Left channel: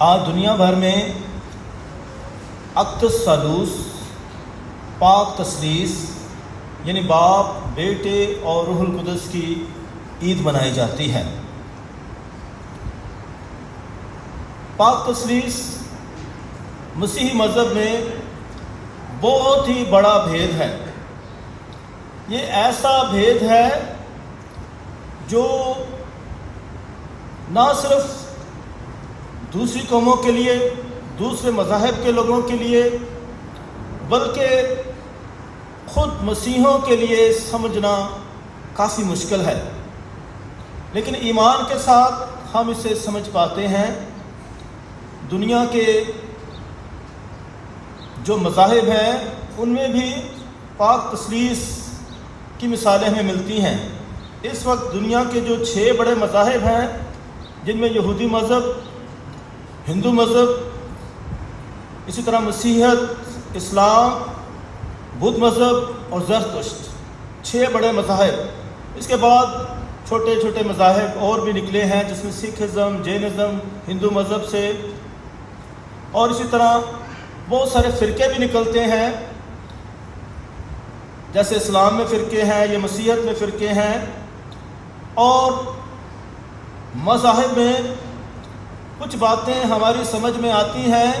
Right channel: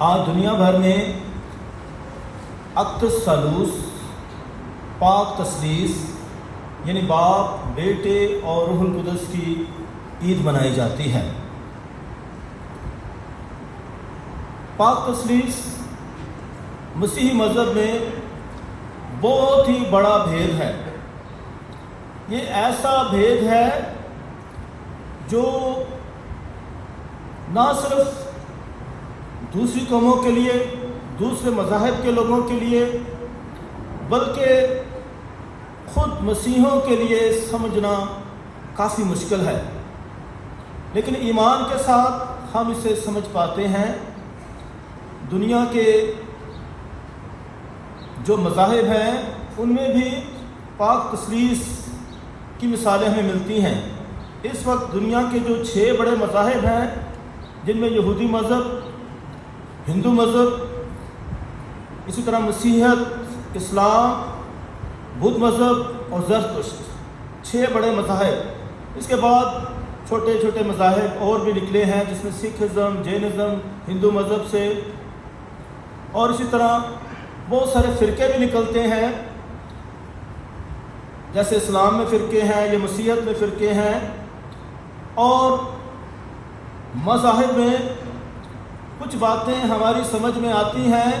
آج دنیا بھر میں اقدس ثالوث پاک تثلیث یعنی باپ، بیٹے اور روح القدس کی عید منائی جاتی ہے۔ پاک تثلیث مسیحی مذہب میں بہت ہی بڑا بھید ہے۔ یہ ایسا بھید ہے جو نہ صرف دوسری قوموں کے لیے، دوسرے مذاہب کے لوگوں کے لیے، بلکہ خود مسیحیوں کے لیے سمجھنا کافی مشکل ہے، لیکن ایمان کے ساتھ ہم اسے سمجھ پاتے ہیں۔ دنیا کے جو مذاہب ہیں ان میں بھی پاک تثلیث کی مثالیں ہمیں ملتی ہیں۔ اس وقت دنیا کے جو 6 بڑے مذاہب ہیں، جن میں یہودی مذہب، ہندو مذہب، اسی طرح مسیحیت، اسلام، بدھ مذہب اور زرتشت، 6 بڑے مذاہب۔ اس کے بعد چھوٹے چھوٹے مذاہب اور بھی نکلے ہیں، جس میں سکھزم، جینزم، ہندو مذہب سے، اور اسی طرح بہت سارے فرقے بھی نکلتے ہیں، جیسے اسلام میں فرقے ہیں یا مسیحیت میں فرقے ہیں۔ اور مذاہب میں کچھ باتیں ہماری سمجھ میں آتی ہیں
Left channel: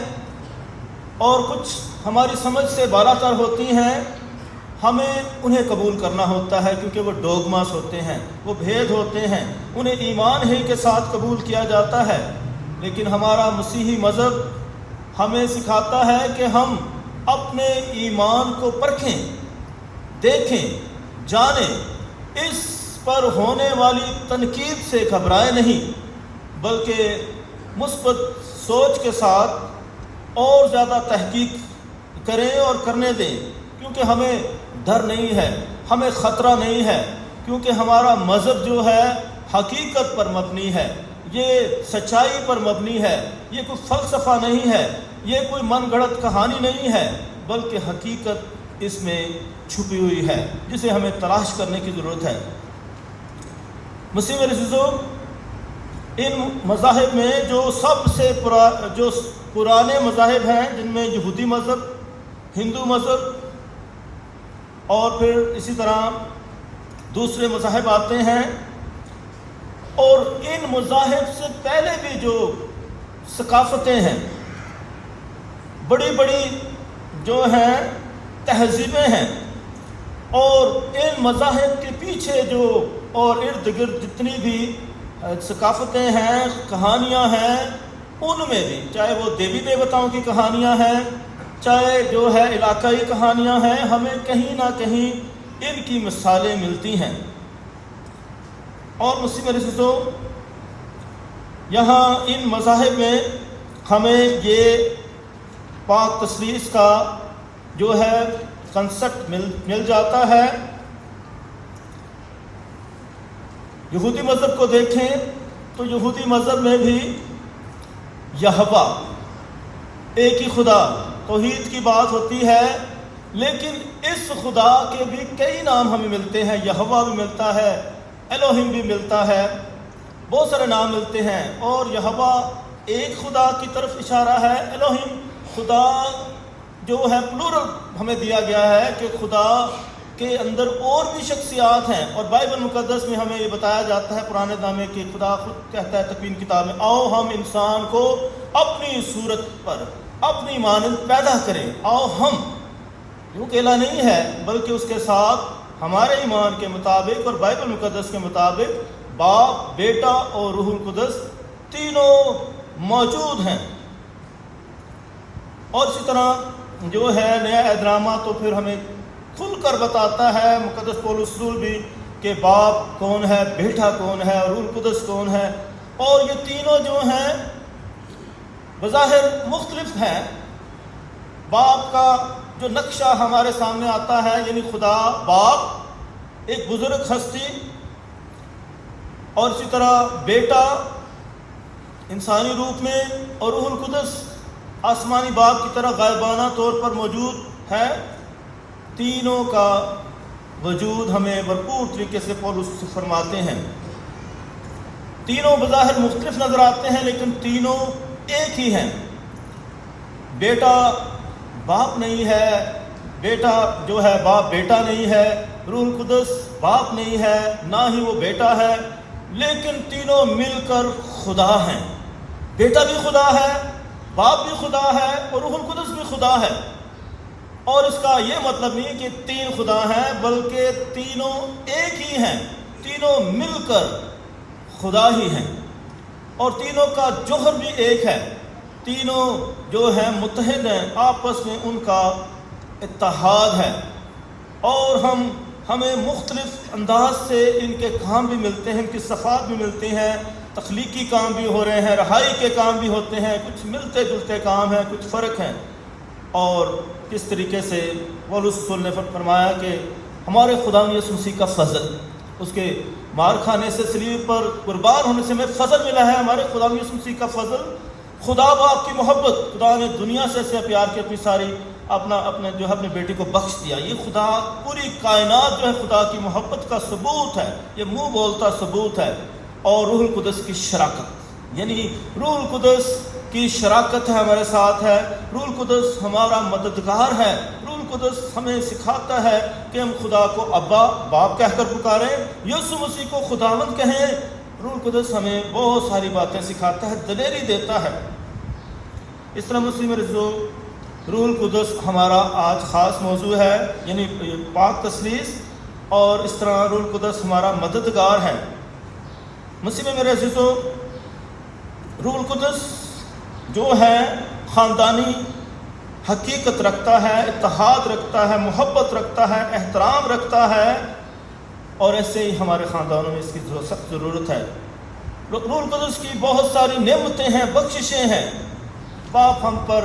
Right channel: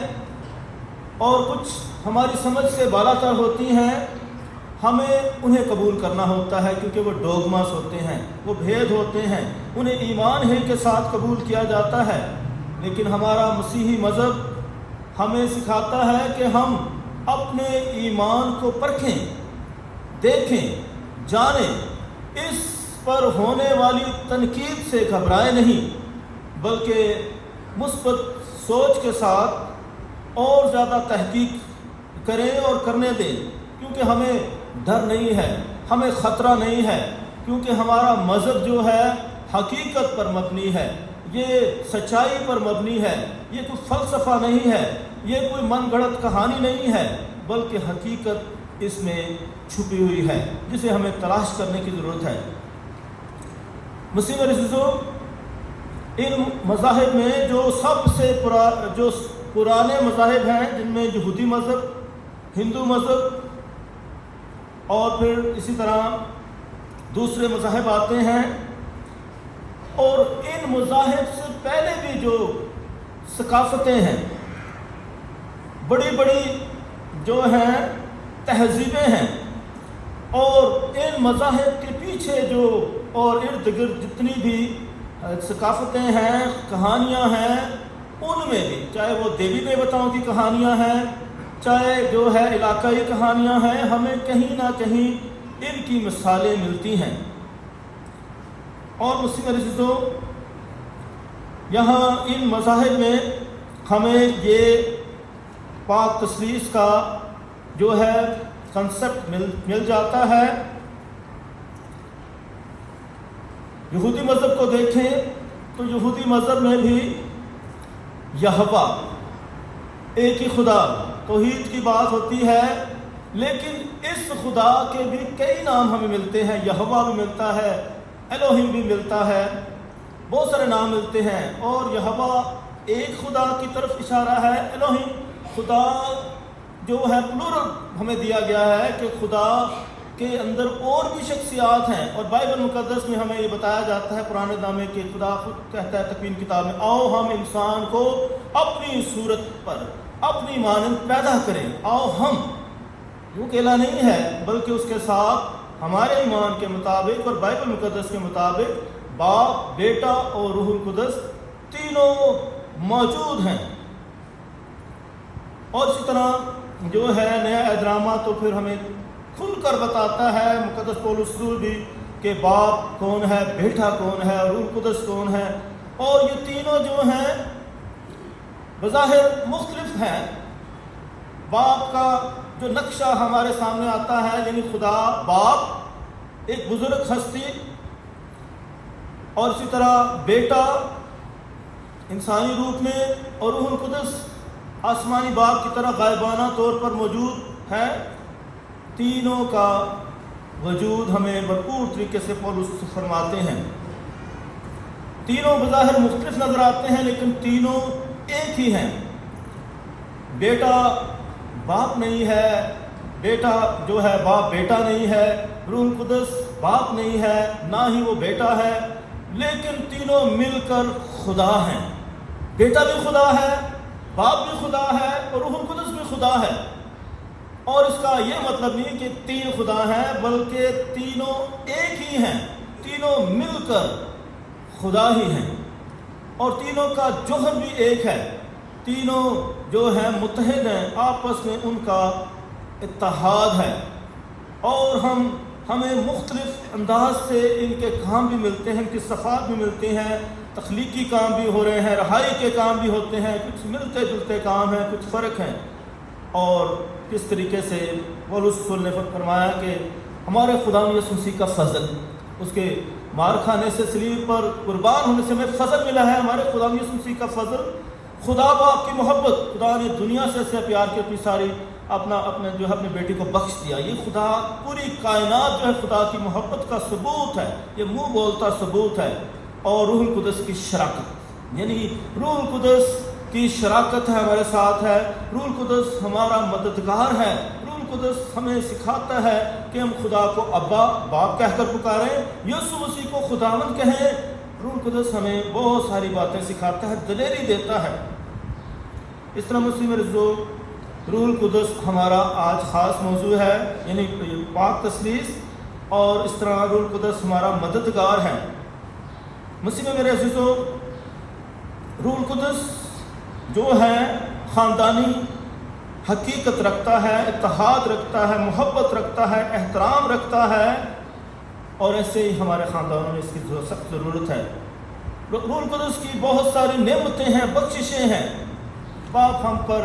اور کچھ ہماری سمجھ سے بالا تر ہوتی ہیں، ہمیں انہیں قبول کرنا ہوتا ہے کیونکہ وہ ڈوگماس ہوتے ہیں، وہ بھید ہوتے ہیں، انہیں ایمان ہی کے ساتھ قبول کیا جاتا ہے۔ لیکن ہمارا مسیحی مذہب ہمیں سکھاتا ہے کہ ہم اپنے ایمان کو پرکھیں، دیکھیں، جانیں، اس پر ہونے والی تنقید سے گھبرائیں نہیں، بلکہ مثبت سوچ کے ساتھ اور زیادہ تحقیق کریں اور کرنے دیں، کیونکہ ہمیں ڈر نہیں ہے، ہمیں خطرہ نہیں ہے، کیونکہ ہمارا مذہب جو ہے حقیقت پر مبنی ہے، یہ سچائی پر مبنی ہے، یہ کوئی فلسفہ نہیں ہے، یہ کوئی من گھڑت کہانی نہیں ہے، بلکہ حقیقت اس میں چھپی ہوئی ہے جسے ہمیں تلاش کرنے کی ضرورت ہے۔ مسیح میرے عزیزو، ان مذاہب میں جو سب سے پرانے مذاہب ہیں، جن میں یہودی مذہب، ہندو مذہب اور پھر اسی طرح دوسرے مذاہب آتے ہیں، اور ان مذاہب سے پہلے بھی جو ثقافتیں ہیں، بڑی بڑی جو ہیں تہذیبیں ہیں، اور ان مذاہب کے پیچھے جو اور ارد گرد جتنی بھی ثقافتیں ہیں، کہانیاں ہیں، ان میں بھی چاہے وہ دیوی دیوتاؤں کی کہانیاں ہیں، چاہے جو ہے علاقائی کہانیاں ہیں، ہمیں کہیں نہ کہیں ان کی مثالیں ملتی ہیں۔ اور مسیح میرے عزیزو، یہاں ان مذاہب میں ہمیں یہ پاک تثلیث کا جو ہے کنسپٹ مل جاتا ہے۔ یہودی مذہب کو دیکھیں تو یہودی مذہب میں بھی یہوہ، ایک ہی خدا، توحید کی بات ہوتی ہے، لیکن اس خدا کے بھی کئی نام ہمیں ملتے ہیں۔ یہوہ بھی ملتا ہے، الوہیم بھی ملتا ہے، بہت سارے نام ملتے ہیں، اور یہوہ ایک خدا کی طرف اشارہ ہے۔ الوہیم خدا جو ہے پلورل ہمیں دیا گیا ہے کہ خدا کے اندر اور بھی شخصیات ہیں، اور بائبل مقدس میں ہمیں یہ بتایا جاتا ہے پرانے نامے کہ خدا خود کہتا ہے تکوین کتاب میں، آؤ ہم انسان کو اپنی صورت پر اپنی مانند پیدا کریں، آؤ ہم، جو اکیلا نہیں ہے بلکہ اس کے ساتھ ہمارے ایمان کے مطابق اور بائبل مقدس کے مطابق باپ، بیٹا اور روح القدس تینوں موجود ہیں۔ اور اسی طرح جو ہے نیا اہدنامہ تو پھر ہمیں کھل کر بتاتا ہے، مقدس پولس رسول بھی، کہ باپ کون ہے، بیٹا کون ہے، روح القدس کون ہے۔ اور یہ تینوں جو ہیں بظاہر مختلف ہیں۔ باپ کا جو نقشہ ہمارے سامنے آتا ہے، یعنی خدا باپ ایک بزرگ ہستی، اور اسی طرح بیٹا انسانی روپ میں، اور روح القدس آسمانی باپ کی طرح غائبانہ طور پر موجود ہے۔ تینوں کا وجود ہمیں بھرپور طریقے سے پولس فرماتے ہیں۔ تینوں بظاہر مختلف نظر آتے ہیں، لیکن تینوں ایک ہی ہیں. بیٹا باپ نہیں ہے، بیٹا جو ہے باپ بیٹا نہیں ہے، روح القدس باپ نہیں ہے، نہ ہی وہ بیٹا ہے، لیکن تینوں مل کر خدا ہیں. بیٹا بھی خدا ہے، باپ بھی خدا ہے اور روح القدس بھی خدا ہے. اور اس کا یہ مطلب نہیں کہ تین خدا ہیں، بلکہ تینوں ایک ہی ہیں، تینوں مل کر خدا ہی ہیں. اور تینوں کا جوہر بھی ایک ہے، تینوں جو ہیں متحد ہیں، آپس میں ان کا اتحاد ہے. اور ہمیں مختلف انداز سے ان کے کام بھی ملتے ہیں، ان کی صفات بھی ملتی ہیں، تخلیقی کام بھی ہو رہے ہیں، رہائی کے کام بھی ہوتے ہیں، کچھ ملتے جلتے کام ہیں، کچھ فرق ہیں. اور کس طریقے سے پولس رسول نے فرمایا کہ ہمارے خدا یسوع مسیح کا فضل، اس کے مار کھانے سے صلیب پر قربان ہونے سے ہمیں فضل ملا ہے. ہمارے خدا یسوع مسیح کا فضل، خدا باپ کی محبت، خدا نے دنیا سے ایسے پیار کے اپنی ساری اپنے بیٹی کو بخش دیا. یہ خدا، پوری کائنات جو ہے خدا کی محبت کا ثبوت ہے، یہ منہ بولتا ثبوت ہے. اور روح القدس کی شراکت، یعنی روح القدس کی شراکت ہے، ہمارے ساتھ ہے. روح القدس ہمارا مددگار ہے. روح القدس ہمیں سکھاتا ہے کہ ہم خدا کو ابا باپ کہہ کر پکاریں، یسوع مسیح کو خداوند کہیں. روح القدس ہمیں بہت ساری باتیں سکھاتا ہے، دلیری دیتا ہے. اس طرح مسلم رضو روح القدس ہمارا آج خاص موضوع ہے، یعنی پاک تثلیث. اور اس طرح روح القدس ہمارا مددگار ہے. مسلم میرے عزیزو، روح القدس جو ہے خاندانی حقیقت رکھتا ہے، اتحاد رکھتا ہے، محبت رکھتا ہے، احترام رکھتا ہے. اور ایسے ہی ہمارے خاندانوں میں اس کی سخت ضرورت ہے. روح القدس کی بہت ساری نعمتیں ہیں، بخششیں ہیں. باپ ہم پر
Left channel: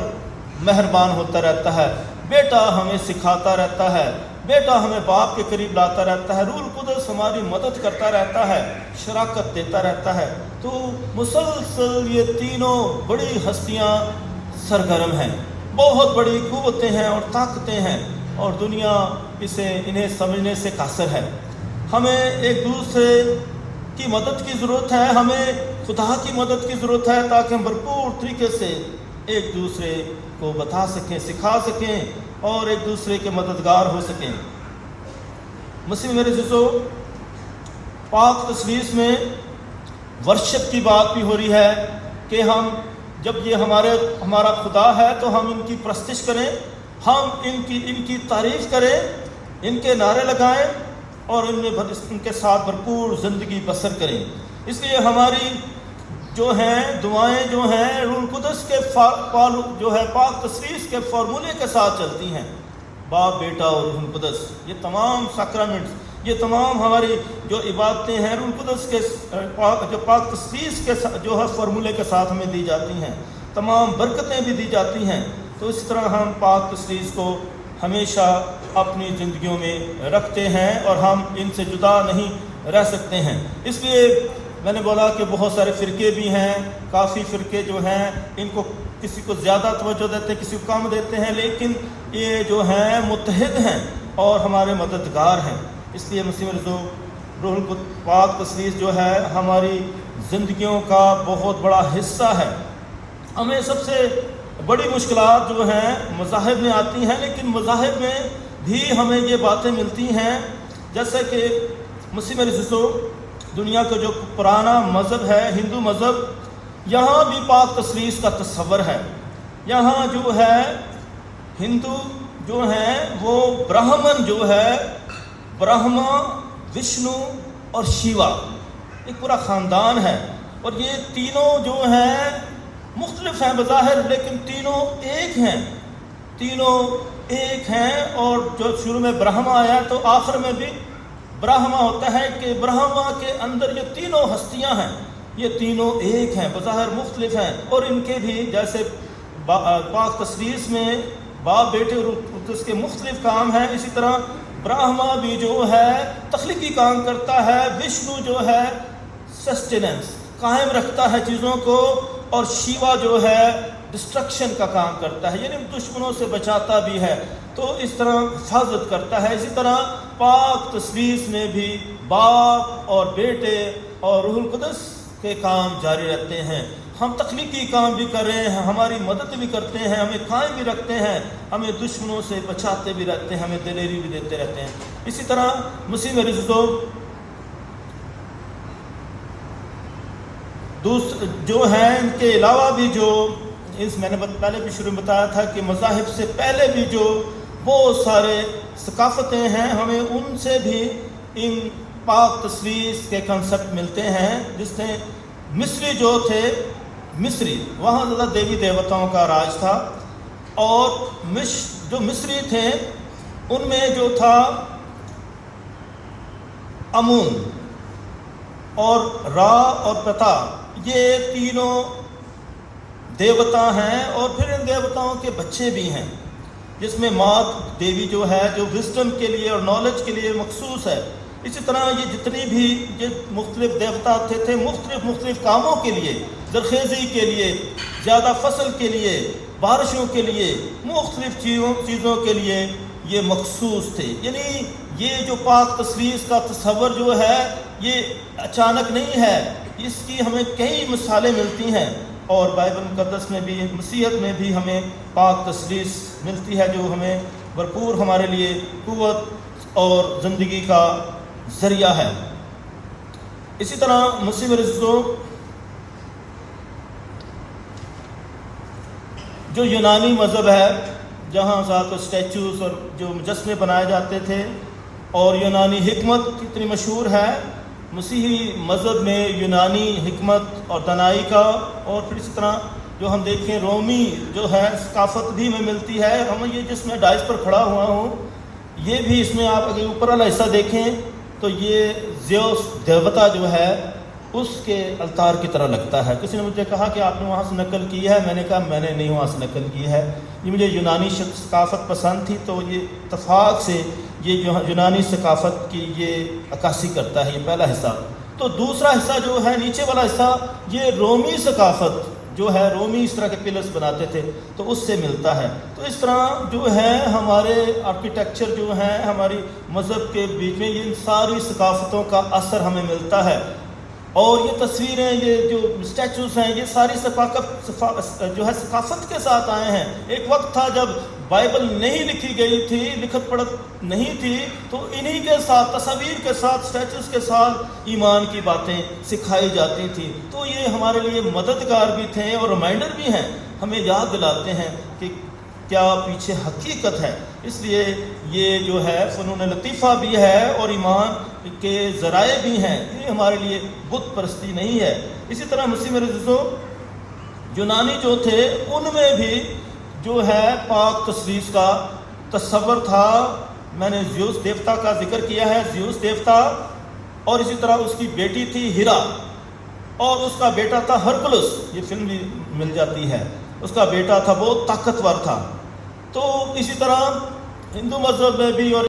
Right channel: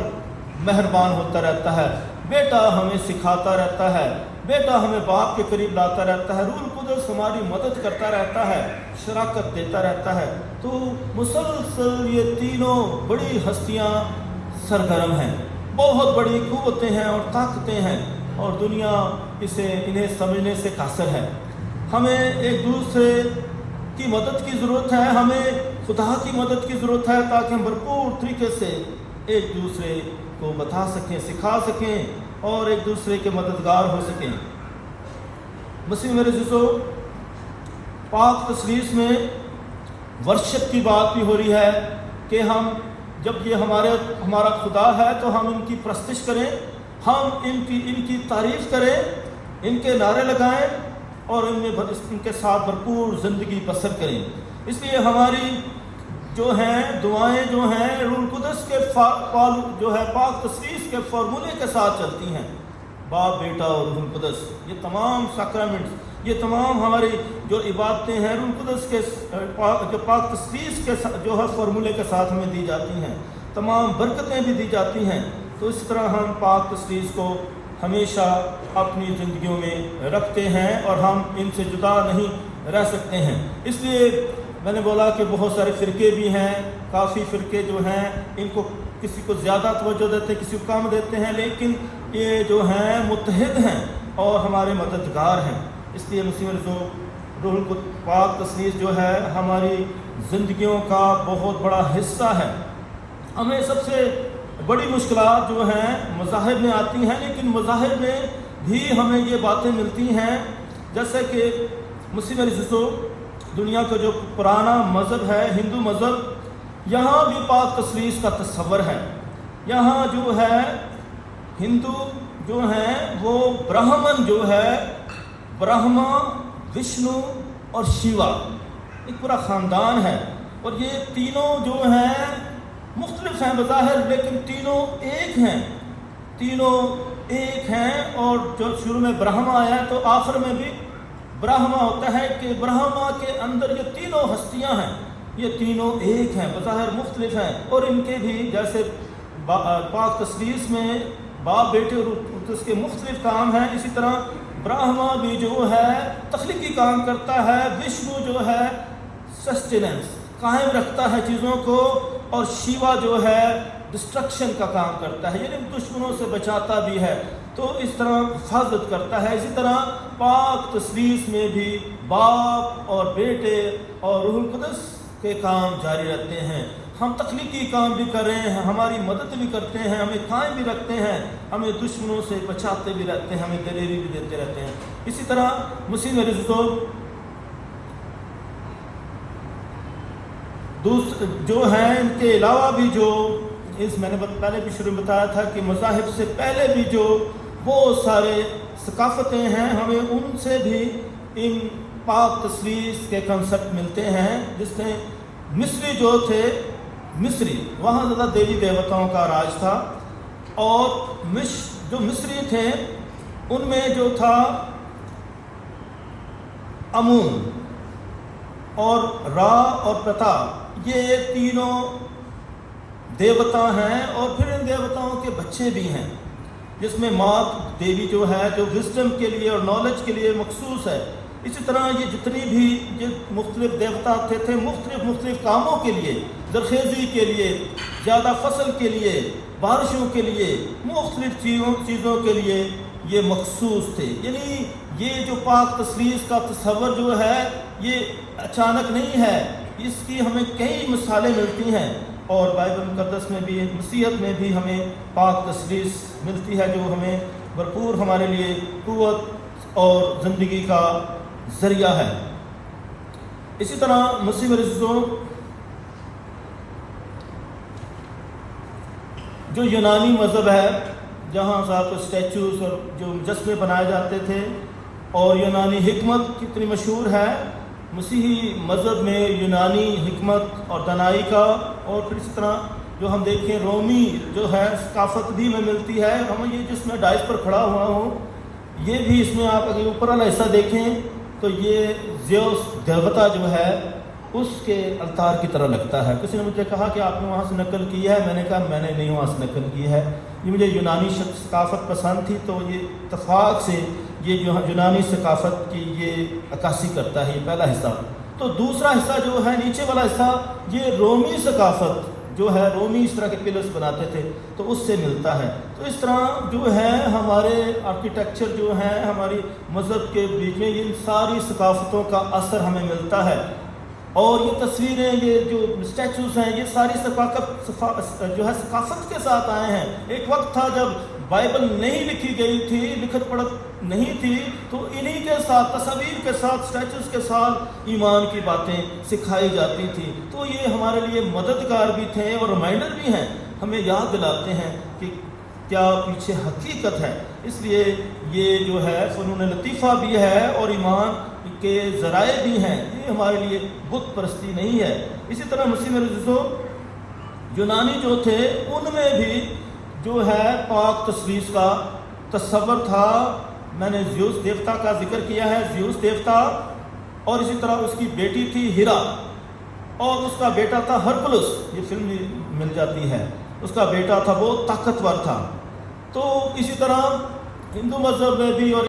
مہربان ہوتا رہتا ہے، بیٹا ہمیں سکھاتا رہتا ہے، بیٹا ہمیں باپ کے قریب لاتا رہتا ہے. روح القدس ہماری مدد کرتا رہتا ہے، شراکت دیتا رہتا ہے. تو مسلسل یہ تینوں بڑی ہستیاں سرگرم ہیں، بہت بڑی قوتیں ہیں اور طاقتیں ہیں، اور دنیا انہیں سمجھنے سے قاصر ہے. ہمیں ایک دوسرے کی مدد کی ضرورت ہے، ہمیں خدا کی مدد کی ضرورت ہے، تاکہ ہم بھرپور طریقے سے ایک دوسرے کو بتا سکیں، سکھا سکیں اور ایک دوسرے کے مددگار ہو سکیں. مسلم میرے عزیزو، پاک تثلیث میں ورشپ کی بات بھی ہو رہی ہے کہ ہم جب یہ ہمارا خدا ہے تو ہم ان کی پرستش کریں، ہم ان کی تعریف کریں، ان کے نعرے لگائیں اور ان کے ساتھ بھرپور زندگی بسر کریں. اس لیے ہماری جو ہیں دعائیں جو ہیں روح القدس کے جو ہے پاک تثلیث کے فارمولے کے ساتھ چلتی ہیں. باپ، بیٹا اور روح القدس، یہ تمام سیکرامنٹس، یہ تمام ہماری جو عبادتیں ہیں روح القدس کے جو پاک تثلیث کے جو ہے فارمولے کے ساتھ ہمیں دی جاتی ہیں. تمام برکتیں بھی دی جاتی ہیں. تو اس طرح ہم پاک تثلیث کو ہمیشہ اپنی زندگیوں میں رکھتے ہیں اور ہم ان سے جدا نہیں رہ سکتے ہیں. اس لیے میں نے بولا کہ بہت سارے فرقے بھی ہیں، کافی فرقے جو ہیں ان کو کسی کو زیادہ توجہ دیتے ہیں، کسی کو کم دیتے ہیں، لیکن یہ جو ہیں متحد ہیں اور ہمارے مددگار ہیں. اس لیے مسلم روح القدس پاک تثلیث جو ہے ہماری زندگیوں کا بہت بڑا حصہ ہے. ہمیں سب سے بڑی مشکلات جو ہیں مذاہب میں آتی ہیں، لیکن مذاہب میں بھی ہمیں یہ باتیں ملتی ہیں، جیسا کہ مسلم عزیزو دنیا کا جو پرانا مذہب ہے ہندو مذہب، یہاں بھی پاک تثلیث کا تصور ہے. یہاں جو ہے ہندو جو ہیں وہ برہمن جو ہے، برہما، وشنو اور شیوا، ایک پورا خاندان ہے. اور یہ تینوں جو ہیں مختلف ہیں بظاہر، لیکن تینوں ایک ہیں، تینوں ایک ہیں. اور جو شروع میں برہما آیا تو آخر میں بھی برہما ہوتا ہے کہ برہما کے اندر یہ تینوں ہستیاں ہیں، یہ تینوں ایک ہیں، بظاہر مختلف ہیں. اور ان کے بھی جیسے پاک تثلیث میں باپ، بیٹے اور اس کے مختلف کام ہیں، اسی طرح برہما بھی جو ہے تخلیقی کام کرتا ہے، وشنو جو ہے سسٹیننس، قائم رکھتا ہے چیزوں کو، اور شیوا جو ہے ڈسٹرکشن کا کام کرتا ہے، یعنی دشمنوں سے بچاتا بھی ہے. تو اس طرح حفاظت کرتا ہے. اسی طرح پاک تثلیث میں بھی باپ اور بیٹے اور روح القدس کے کام جاری رہتے ہیں. ہم تخلیقی کام بھی کر رہے ہیں، ہماری مدد بھی کرتے ہیں، ہمیں قائم بھی رکھتے ہیں، ہمیں دشمنوں سے بچاتے بھی رہتے ہیں، ہمیں دلیری بھی دیتے رہتے ہیں۔ اسی طرح مسیح میں عزیزو جو ہیں ان کے علاوہ بھی جو میں نے پہلے بھی شروع میں بتایا تھا کہ مذاہب سے پہلے بھی جو بہت سارے ثقافتیں ہیں، ہمیں ان سے بھی ان پاک تثلیث کے کنسپٹ ملتے ہیں، جس نے مصری جو تھے، مصری وہاں زیادہ دیوی دیوتاؤں کا راج تھا، اور جو مصری تھے ان میں جو تھا امون اور را اور پتا، یہ تینوں دیوتا ہیں، اور پھر ان دیوتاؤں کے بچے بھی ہیں، جس میں مات دیوی جو ہے جو وزڈم کے لیے اور نالج کے لیے مخصوص ہے۔ اسی طرح یہ جتنی بھی یہ مختلف دیوتا تھے مختلف کاموں کے لیے، زرخیزی کے لیے، زیادہ فصل کے لیے، بارشوں کے لیے، مختلف چیزوں کے لیے یہ مخصوص تھے۔ یعنی یہ جو پاک تثلیث کا تصور جو ہے یہ اچانک نہیں ہے، اس کی ہمیں کئی مثالیں ملتی ہیں، اور بائبل مقدس میں بھی، مسیحیت میں بھی ہمیں پاک تثلیث ملتی ہے، جو ہمیں بھرپور ہمارے لیے قوت اور زندگی کا ذریعہ ہے۔ اسی طرح مسیح میں عزیزو جو یونانی مذہب ہے، جہاں ذات اسٹیچوز اور جو مجسمے بنائے جاتے تھے، اور یونانی حکمت کتنی مشہور ہے، مسیحی مذہب میں یونانی حکمت اور دانائی کا، اور پھر اسی طرح جو ہم دیکھیں رومی جو ہے ثقافت بھی میں ملتی ہے۔ ہم یہ جس میں ڈائس پر کھڑا ہوا ہوں، یہ بھی اس میں آپ اگر اوپر والا حصہ دیکھیں تو یہ زیوس دیوتا جو ہے اس کے التار کی طرح لگتا ہے۔ کسی نے مجھے کہا کہ آپ نے وہاں سے نقل کی ہے، میں نے کہا میں نے نہیں وہاں سے نقل کی ہے، یہ مجھے یونانی ثقافت پسند تھی، تو یہ اتفاق سے یہ یونانی ثقافت کی یہ عکاسی کرتا ہے، یہ پہلا حصہ۔ تو دوسرا حصہ جو ہے نیچے والا حصہ، یہ رومی ثقافت جو ہے، رومی اس طرح کے پلرز بناتے تھے تو اس سے ملتا ہے۔ تو اس طرح جو ہے ہمارے آرکیٹیکچر جو ہیں ہماری مذہب کے بیچ میں، یہ ساری ثقافتوں کا اثر ہمیں ملتا ہے، اور یہ تصویریں، یہ جو اسٹیچوز ہیں، یہ ساری جو ہے ثقافت کے ساتھ آئے ہیں۔ ایک وقت تھا جب بائبل نہیں لکھی گئی تھی، لکھت پڑھت نہیں تھی، تو انہی کے ساتھ، تصاویر کے ساتھ، اسٹیچوز کے ساتھ ایمان کی باتیں سکھائی جاتی تھی۔ تو یہ ہمارے لیے مددگار بھی تھے اور ریمائنڈر بھی ہیں، ہمیں یاد دلاتے ہیں کہ کیا پیچھے حقیقت ہے۔ اس لیے یہ جو ہے فنون لطیفہ بھی ہے اور ایمان کے ذرائع بھی ہیں، یہ ہمارے لیے بت پرستی نہیں ہے۔ اسی طرح مسیح میں عزیزو یونانی جو تھے ان میں بھی جو ہے پاک تثلیث کا تصور تھا۔ میں نے زیوس دیوتا کا ذکر کیا ہے، زیوس دیوتا، اور اسی طرح اس کی بیٹی تھی ہیرا، اور اس کا بیٹا تھا ہرکولس، یہ فلم بھی مل جاتی ہے، اس کا بیٹا تھا، بہت طاقتور تھا۔ تو اسی طرح ہندو مذہب میں بھی اور